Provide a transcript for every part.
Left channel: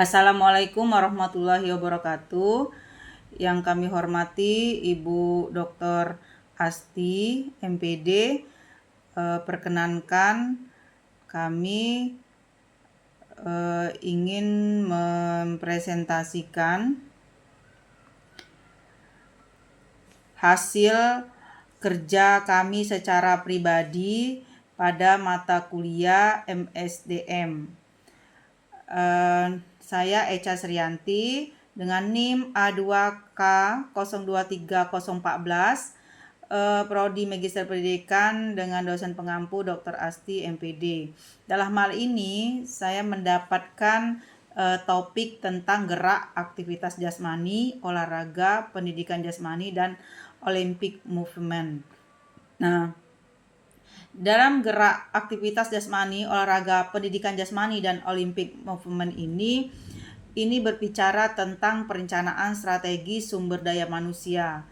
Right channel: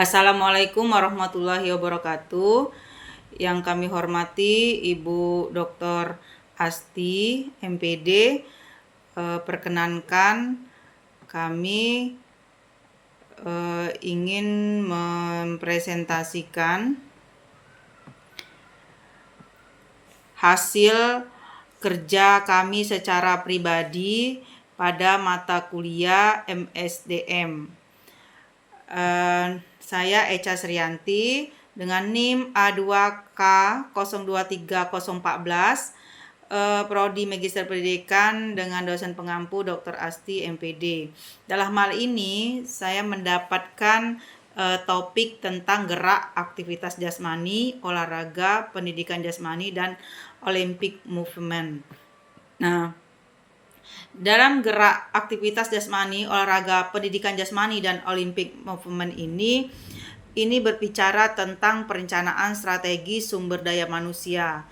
Assalamualaikum warahmatullahi wabarakatuh. Yang kami hormati Ibu Dr. Asti, MPD. Perkenankan kami ingin mempresentasikan hasil kerja kami secara pribadi pada mata kuliah MSDM. Saya Echa Sriyanti dengan NIM A2K023014, Prodi Magister Pendidikan dengan dosen pengampu Dr. Asti MPD. Dalam hal ini saya mendapatkan topik tentang gerak, aktivitas jasmani, olahraga, pendidikan jasmani, dan Olympic movement. Nah, dalam gerak, aktivitas jasmani, olahraga, pendidikan jasmani, dan Olympic movement ini berbicara tentang perencanaan strategi sumber daya manusia,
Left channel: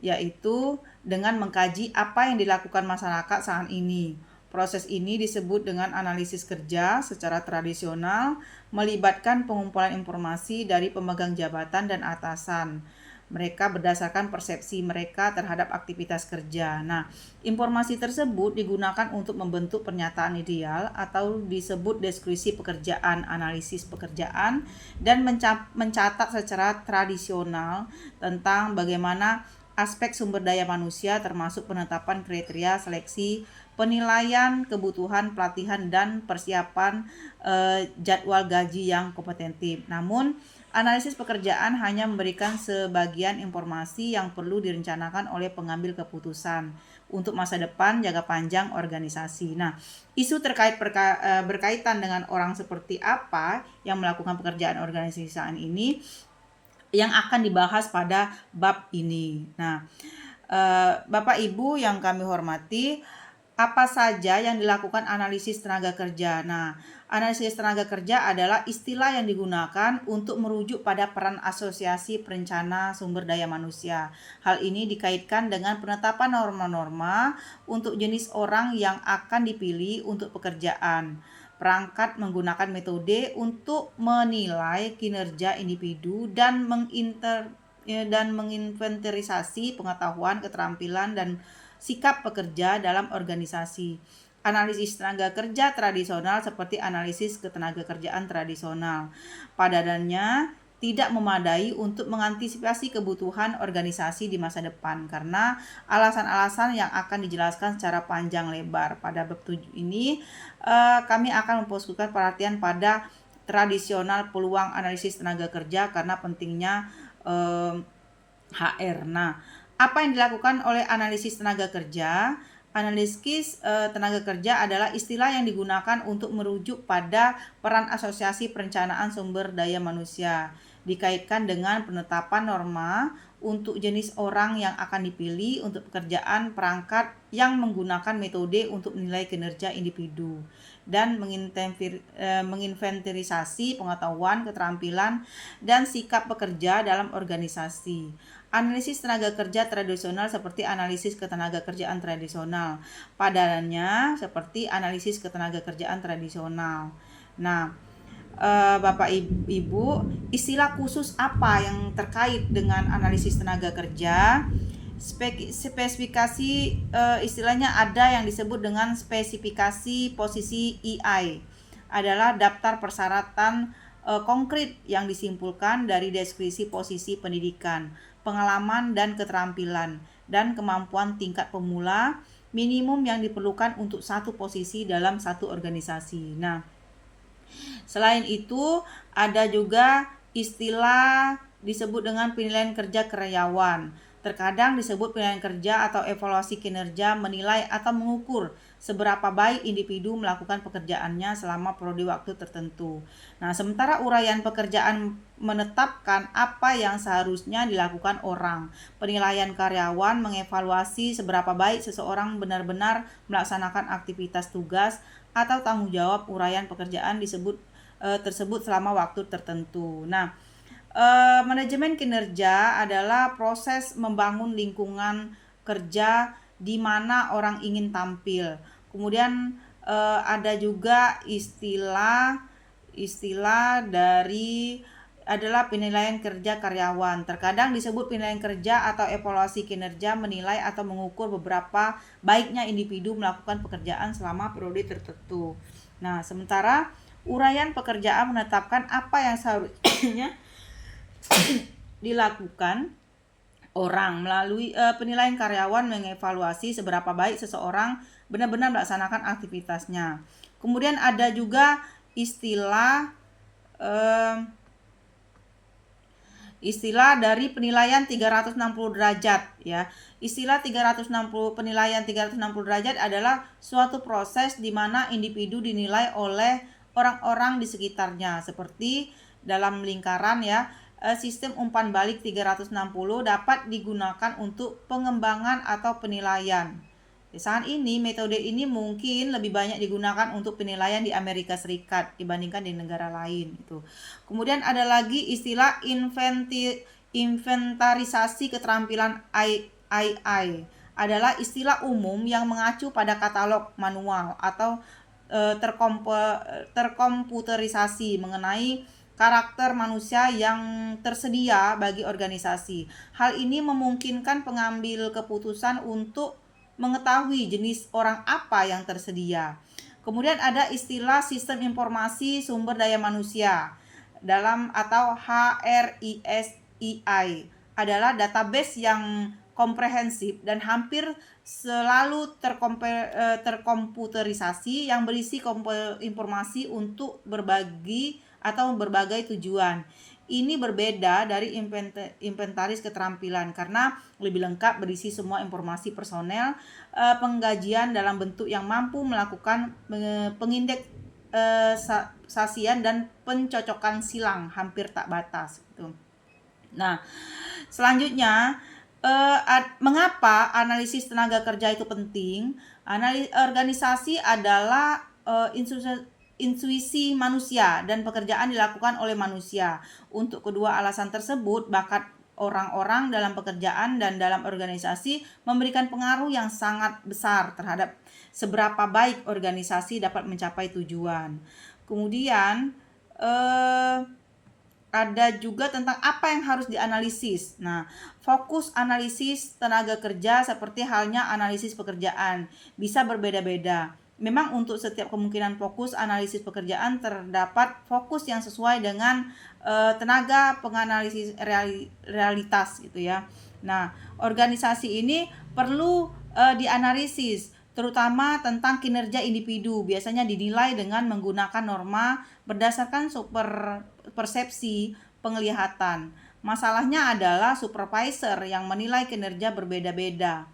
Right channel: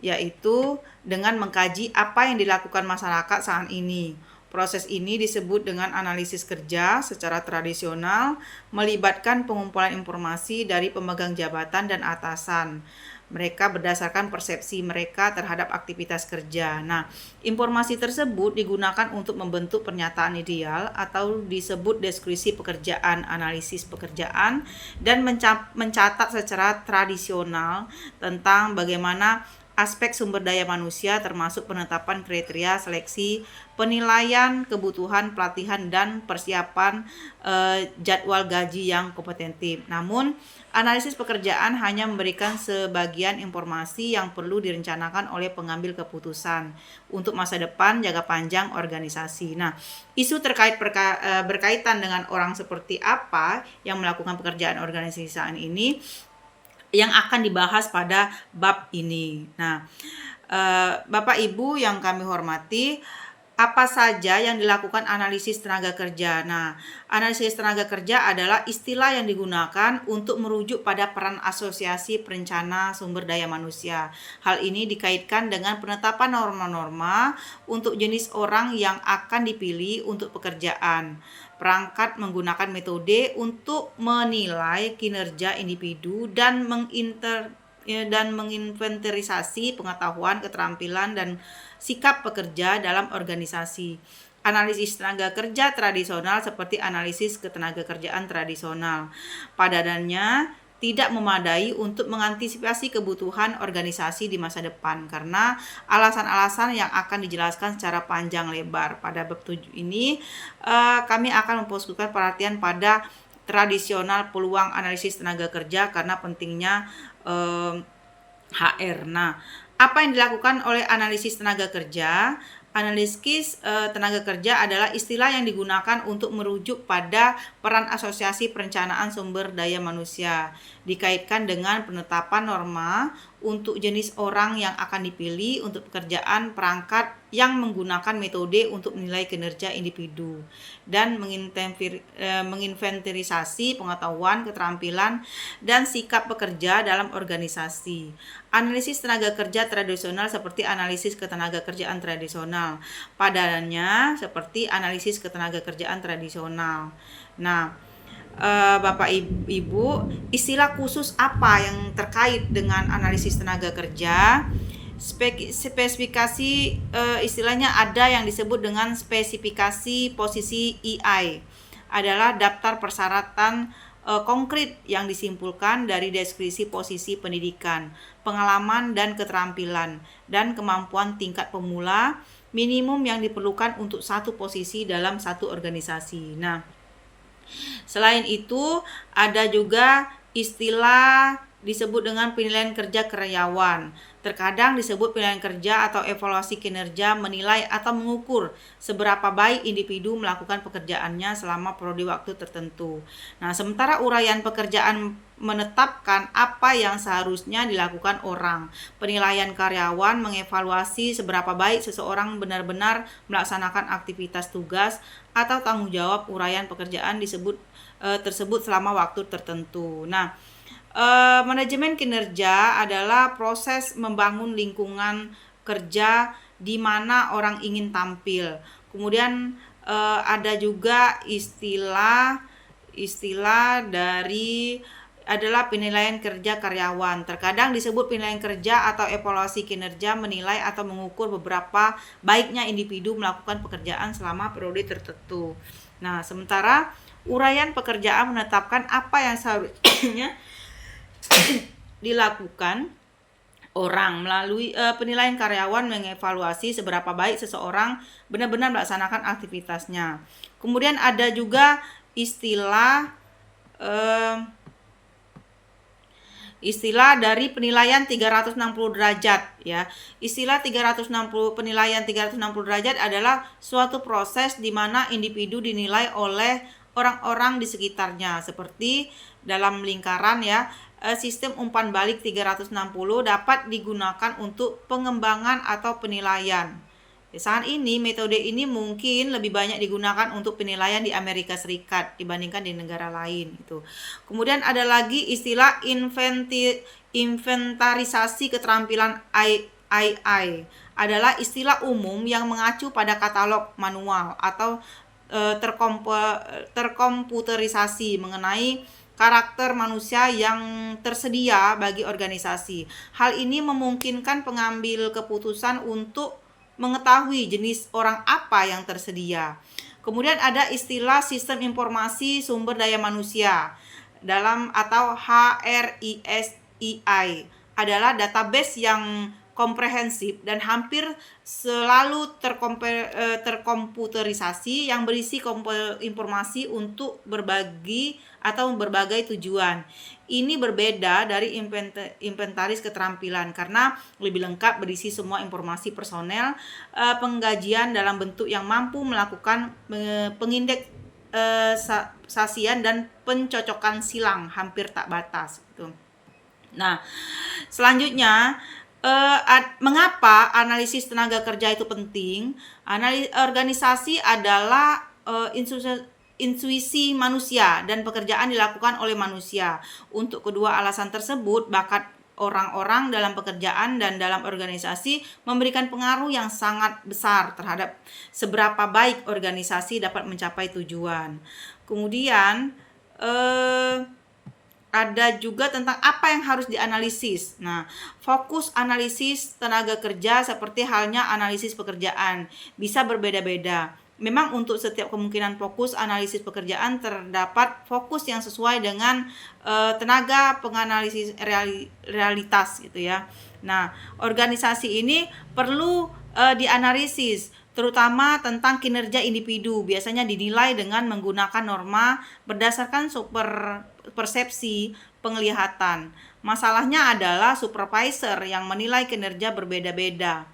yaitu dengan mengkaji apa yang dilakukan masyarakat saat ini. Proses ini disebut dengan analisis kerja secara tradisional, melibatkan pengumpulan informasi dari pemegang jabatan dan atasan mereka berdasarkan persepsi mereka terhadap aktivitas kerja. Nah, informasi tersebut digunakan untuk membentuk pernyataan ideal atau disebut deskripsi pekerjaan, analisis pekerjaan, dan mencatat secara tradisional tentang bagaimana aspek sumber daya manusia termasuk penetapan kriteria seleksi, penilaian kebutuhan pelatihan, dan persiapan jadwal gaji yang kompetitif. Namun, analisis pekerjaan hanya memberikan sebagian informasi yang perlu direncanakan oleh pengambil keputusan untuk masa depan jangka panjang organisasi. Nah, isu terkait berkaitan dengan orang seperti apa yang melakukan pekerjaan organisasi saat ini yang akan dibahas pada bab ini. Nah, Bapak Ibu yang kami hormati, apa saja yang dilakukan analisis tenaga kerja? Nah, analisis tenaga kerja adalah istilah yang digunakan untuk merujuk pada peran asosiasi perencana sumber daya manusia. Hal ini dikaitkan dengan penetapan norma-norma untuk jenis orang yang akan dipilih untuk pekerjaan. Perangkat menggunakan metode untuk menilai kinerja individu dan menginventarisasi pengetahuan, keterampilan, dan sikap pekerja dalam organisasi. Analisis tenaga kerja tradisional seperti analisis ketenagakerjaan tradisional pada dasarnya tidak memadai untuk mengantisipasi kebutuhan organisasi di masa depan karena alasan-alasan yang akan dijelaskan secara panjang lebar. Pada bab 7 ini kami akan memfokuskan perhatian pada tradisional peluang analisis tenaga kerja karena pentingnya HR. Nah, apa yang dilakukan oleh analisis tenaga kerja? Analisis tenaga kerja adalah istilah yang digunakan untuk merujuk pada peran asosiasi perencanaan sumber daya manusia, dikaitkan dengan penetapan norma untuk jenis orang yang akan dipilih untuk pekerjaan, perangkat yang menggunakan metode untuk menilai kinerja individu, dan menginventarisasi pengetahuan, keterampilan, dan sikap pekerja dalam organisasi. Analisis tenaga kerja tradisional seperti analisis ketenagakerjaan tradisional. Padanannya seperti analisis ketenagakerjaan tradisional. Nah, Bapak Ibu, istilah khusus apa yang terkait dengan analisis tenaga kerja? Spesifikasi istilahnya ada yang disebut dengan spesifikasi posisi EI, adalah daftar persyaratan konkret yang disimpulkan dari deskripsi posisi pendidikan, pengalaman dan keterampilan, dan kemampuan tingkat pemula minimum yang diperlukan untuk satu posisi dalam satu organisasi. Nah, selain itu ada juga istilah disebut dengan penilaian kerja karyawan. Terkadang disebut penilaian kerja atau evaluasi kinerja, menilai atau mengukur seberapa baik individu melakukan pekerjaannya selama periode waktu tertentu. Nah, sementara uraian pekerjaan menetapkan apa yang seharusnya dilakukan orang. Penilaian karyawan mengevaluasi seberapa baik seseorang benar-benar melaksanakan aktivitas tugas atau tanggung jawab uraian pekerjaan tersebut selama waktu tertentu. Nah, manajemen kinerja adalah proses membangun lingkungan kerja di mana orang ingin tampil. Kemudian ada juga istilah istilah dari adalah penilaian kerja karyawan. Terkadang disebut penilaian kerja atau evaluasi kinerja, menilai atau mengukur beberapa baiknya individu melakukan pekerjaan selama periode tertentu. Nah, sementara uraian pekerjaan menetapkan apa yang seharusnya dilakukan orang. Melalui penilaian karyawan mengevaluasi seberapa baik seseorang benar-benar melaksanakan aktivitasnya. Kemudian ada juga istilah dari penilaian 360 derajat ya. Istilah 360 penilaian 360 derajat adalah suatu proses di mana individu dinilai oleh orang-orang di sekitarnya, seperti dalam lingkaran ya. Sistem umpan balik 360 dapat digunakan untuk pengembangan atau penilaian. Saat ini metode ini mungkin lebih banyak digunakan untuk penilaian di Amerika Serikat dibandingkan di negara lain itu. Kemudian ada lagi istilah inventarisasi keterampilan II, adalah istilah umum yang mengacu pada katalog manual atau terkomputerisasi mengenai karakter manusia yang tersedia bagi organisasi. Hal ini memungkinkan pengambil keputusan untuk mengetahui jenis orang apa yang tersedia. Kemudian ada istilah sistem informasi sumber daya manusia atau HRISI, adalah database yang komprehensif dan hampir selalu terkomputerisasi yang berisi informasi untuk berbagi atau berbagai tujuan. Ini berbeda dari inventaris keterampilan karena lebih lengkap, berisi semua informasi personel, penggajian dalam bentuk yang mampu melakukan pengindeksasian dan pencocokan silang hampir tak batas gitu. Nah, selanjutnya mengapa analisis tenaga kerja itu penting? Organisasi adalah intuisi manusia dan pekerjaan dilakukan oleh manusia. Untuk kedua alasan tersebut, bakat orang-orang dalam pekerjaan dan dalam organisasi memberikan pengaruh yang sangat besar terhadap seberapa baik organisasi dapat mencapai tujuan. Kemudian ada juga tentang apa yang harus dianalisis. Nah, fokus analisis tenaga kerja seperti halnya analisis pekerjaan bisa berbeda-beda. Memang untuk setiap kemungkinan fokus analisis pekerjaan terdapat fokus yang sesuai dengan tenaga penganalisis realitas gitu ya. Nah, organisasi ini perlu dianalisis terutama tentang kinerja individu, biasanya dinilai dengan menggunakan norma berdasarkan persepsi penglihatan. Masalahnya adalah supervisor yang menilai kinerja berbeda-beda.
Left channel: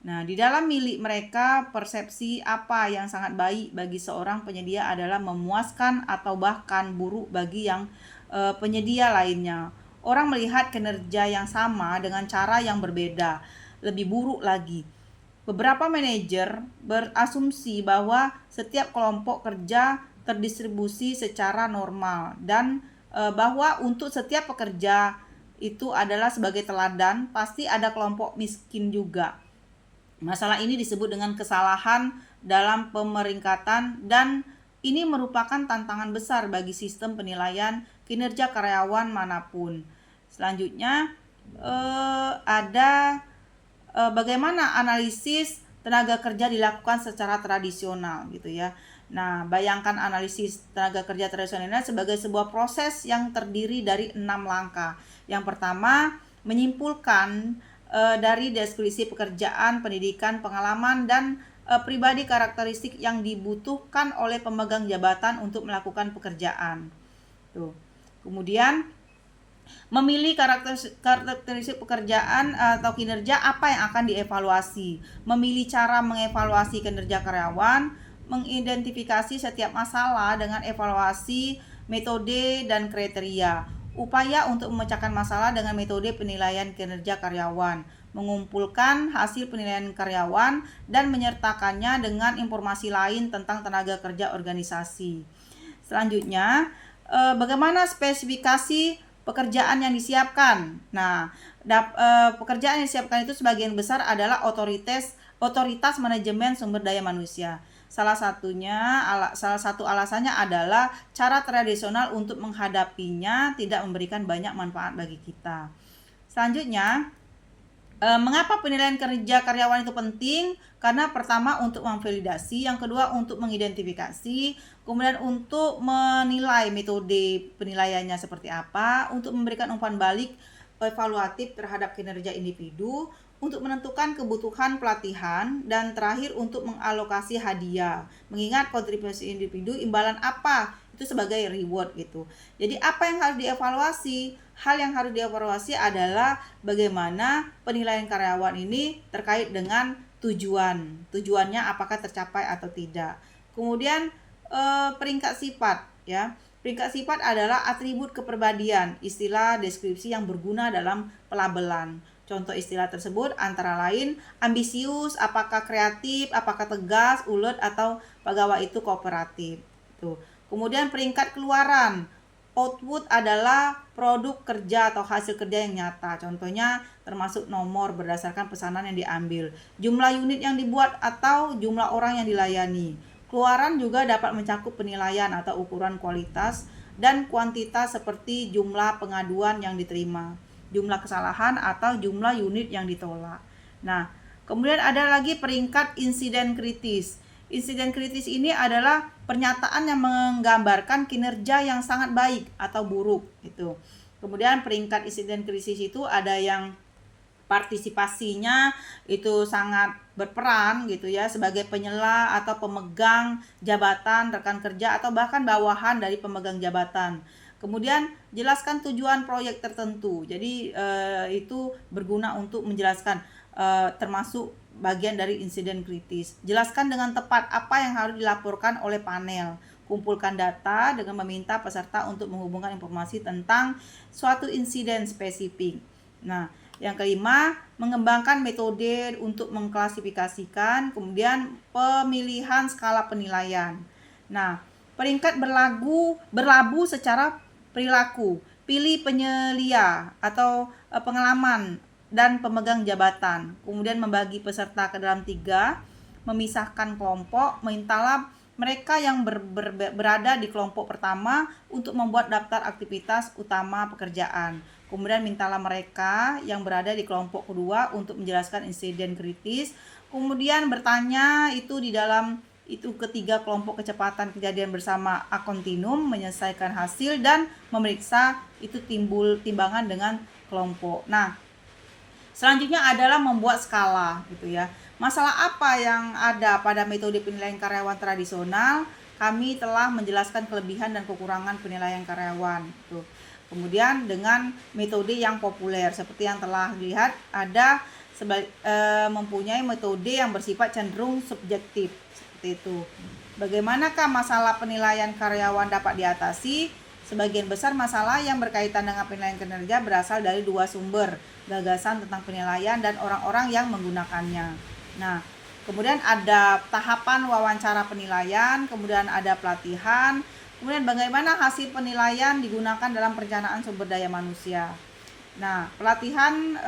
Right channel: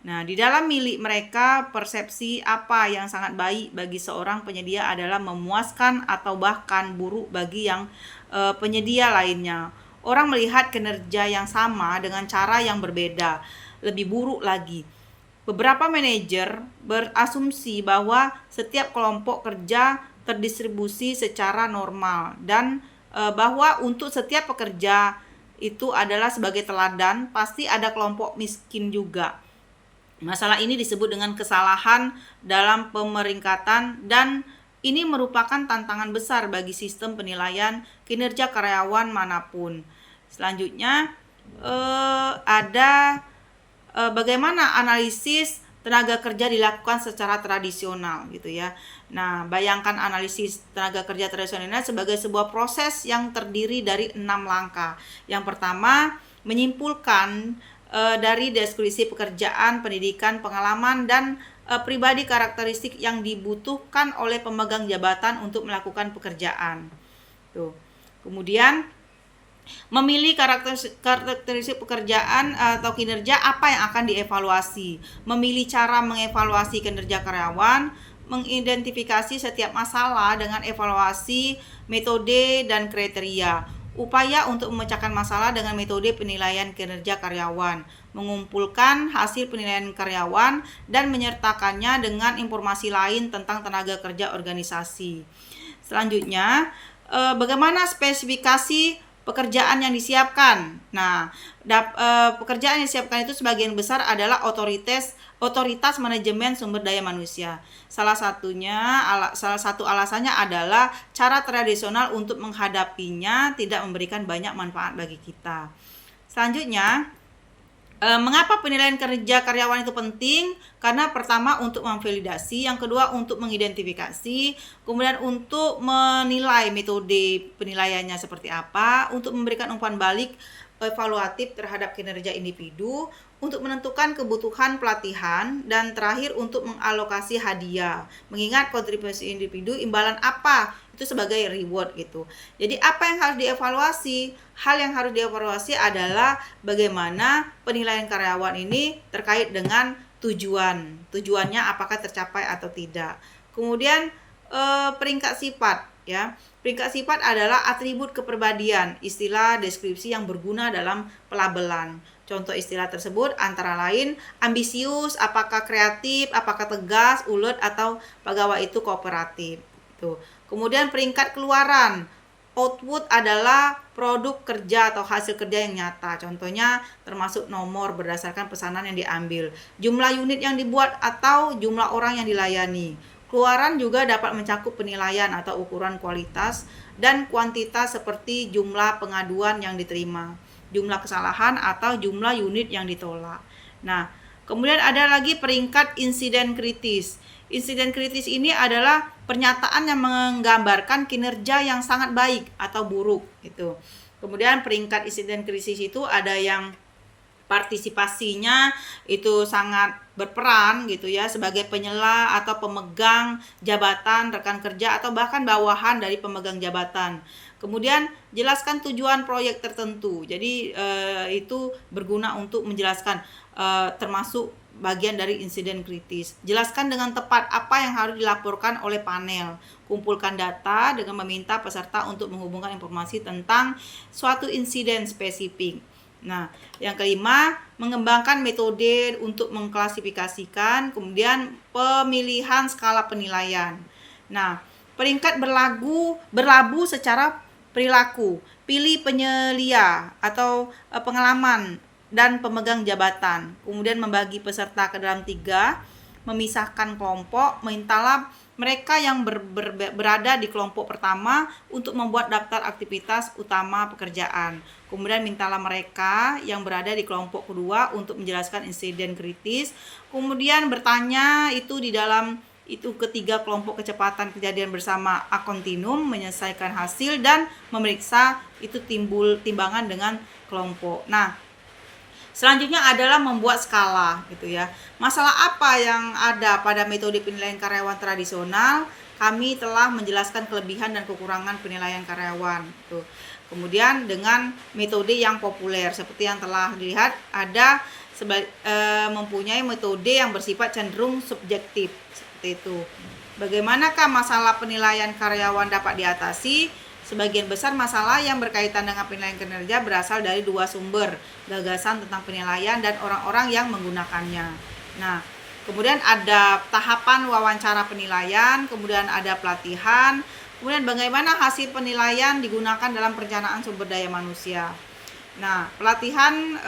Nah, di dalam milik mereka, persepsi apa yang sangat baik bagi seorang penyedia adalah memuaskan atau bahkan buruk bagi yang penyedia lainnya. Orang melihat kinerja yang sama dengan cara yang berbeda, lebih buruk lagi. Beberapa manajer berasumsi bahwa setiap kelompok kerja terdistribusi secara normal dan bahwa untuk setiap pekerja itu adalah sebagai teladan, pasti ada kelompok miskin juga. Masalah ini disebut dengan kesalahan dalam pemeringkatan dan ini merupakan tantangan besar bagi sistem penilaian kinerja karyawan manapun. Selanjutnya ada bagaimana analisis tenaga kerja dilakukan secara tradisional gitu ya. Nah, bayangkan analisis tenaga kerja tradisional sebagai sebuah proses yang terdiri dari 6 langkah. Yang pertama, menyimpulkan dari deskripsi pekerjaan, pendidikan, pengalaman, dan pribadi karakteristik yang dibutuhkan oleh pemegang jabatan untuk melakukan pekerjaan. Tuh. Kemudian memilih karakteristik pekerjaan atau kinerja apa yang akan dievaluasi, memilih cara mengevaluasi kinerja karyawan, mengidentifikasi setiap masalah dengan evaluasi, metode, dan kriteria. Upaya untuk memecahkan masalah dengan metode penilaian kinerja karyawan, mengumpulkan hasil penilaian karyawan dan menyertakannya dengan informasi lain tentang tenaga kerja organisasi. Selanjutnya, bagaimana spesifikasi pekerjaan yang disiapkan. Nah, pekerjaan yang disiapkan itu sebagian besar adalah otoritas manajemen sumber daya manusia. Salah satu alasannya adalah cara tradisional untuk menghadapinya tidak memberikan banyak manfaat bagi kita. Selanjutnya, mengapa penilaian kerja karyawan itu penting? Karena pertama untuk memvalidasi, yang kedua untuk mengidentifikasi, kemudian untuk menilai metode penilaiannya seperti apa, untuk memberikan umpan balik evaluatif terhadap kinerja individu, untuk menentukan kebutuhan pelatihan, dan terakhir untuk mengalokasi hadiah. Mengingat kontribusi individu imbalan apa itu sebagai reward gitu. Jadi apa yang harus dievaluasi? Hal yang harus dievaluasi adalah bagaimana penilaian karyawan ini terkait dengan tujuannya apakah tercapai atau tidak. Kemudian peringkat sifat ya. Peringkat sifat adalah atribut kepribadian, istilah deskripsi yang berguna dalam pelabelan. Contoh istilah tersebut antara lain ambisius, apakah kreatif, apakah tegas, ulet, atau pegawai itu kooperatif. Tuh. Kemudian peringkat keluaran. Output adalah produk kerja atau hasil kerja yang nyata. Contohnya termasuk nomor berdasarkan pesanan yang diambil, jumlah unit yang dibuat atau jumlah orang yang dilayani. Keluaran juga dapat mencakup penilaian atau ukuran kualitas dan kuantitas seperti jumlah pengaduan yang diterima, jumlah kesalahan atau jumlah unit yang ditolak. Nah, kemudian ada lagi peringkat insiden kritis. Insiden kritis ini adalah pernyataan yang menggambarkan kinerja yang sangat baik atau buruk gitu. Kemudian peringkat insiden krisis itu ada yang partisipasinya itu sangat berperan gitu ya sebagai penyela atau pemegang jabatan, rekan kerja atau bahkan bawahan dari pemegang jabatan. Kemudian jelaskan tujuan proyek tertentu. Jadi itu berguna untuk menjelaskan termasuk bagian dari insiden kritis. Jelaskan dengan tepat apa yang harus dilaporkan oleh panel. Kumpulkan data dengan meminta peserta untuk menghubungkan informasi tentang suatu insiden spesifik. Nah, yang kelima, mengembangkan metode untuk mengklasifikasikan, kemudian pemilihan skala penilaian. Nah, peringkat berlabuh secara perilaku. Pilih penyelia atau pengalaman dan pemegang jabatan. Kemudian membagi peserta ke dalam 3, memisahkan kelompok, mintalah mereka yang berada di kelompok pertama untuk membuat daftar aktivitas utama pekerjaan. Kemudian mintalah mereka yang berada di kelompok kedua untuk menjelaskan insiden kritis. Kemudian bertanya itu di dalam itu ketiga kelompok kecepatan kejadian bersama a continuum, menyelesaikan hasil dan memeriksa itu timbul timbangan dengan kelompok. Nah, selanjutnya adalah membuat skala gitu ya. Masalah apa yang ada pada metode penilaian karyawan tradisional? Kami telah menjelaskan kelebihan dan kekurangan penilaian karyawan gitu. Kemudian dengan metode yang populer seperti yang telah dilihat ada mempunyai metode yang bersifat cenderung subjektif seperti itu. Bagaimanakah masalah penilaian karyawan dapat diatasi? Sebagian besar masalah yang berkaitan dengan penilaian kinerja berasal dari 2 sumber, gagasan tentang penilaian dan orang-orang yang menggunakannya. Nah, kemudian ada tahapan wawancara penilaian, kemudian ada pelatihan, kemudian bagaimana hasil penilaian digunakan dalam perencanaan sumber daya manusia. Nah, pelatihan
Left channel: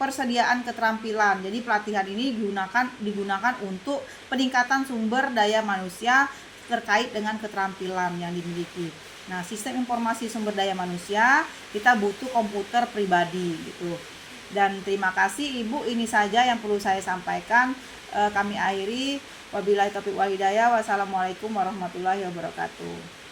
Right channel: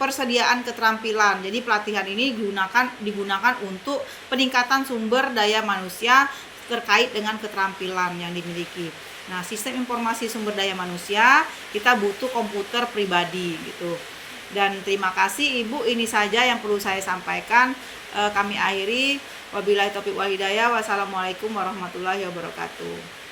persediaan keterampilan. Jadi pelatihan ini digunakan untuk peningkatan sumber daya manusia terkait dengan keterampilan yang dimiliki. Nah, sistem informasi sumber daya manusia kita butuh komputer pribadi gitu. Dan terima kasih Ibu, ini saja yang perlu saya sampaikan. Kami akhiri. Wabillahi taufiq wal hidayah. Wassalamualaikum warahmatullahi wabarakatuh.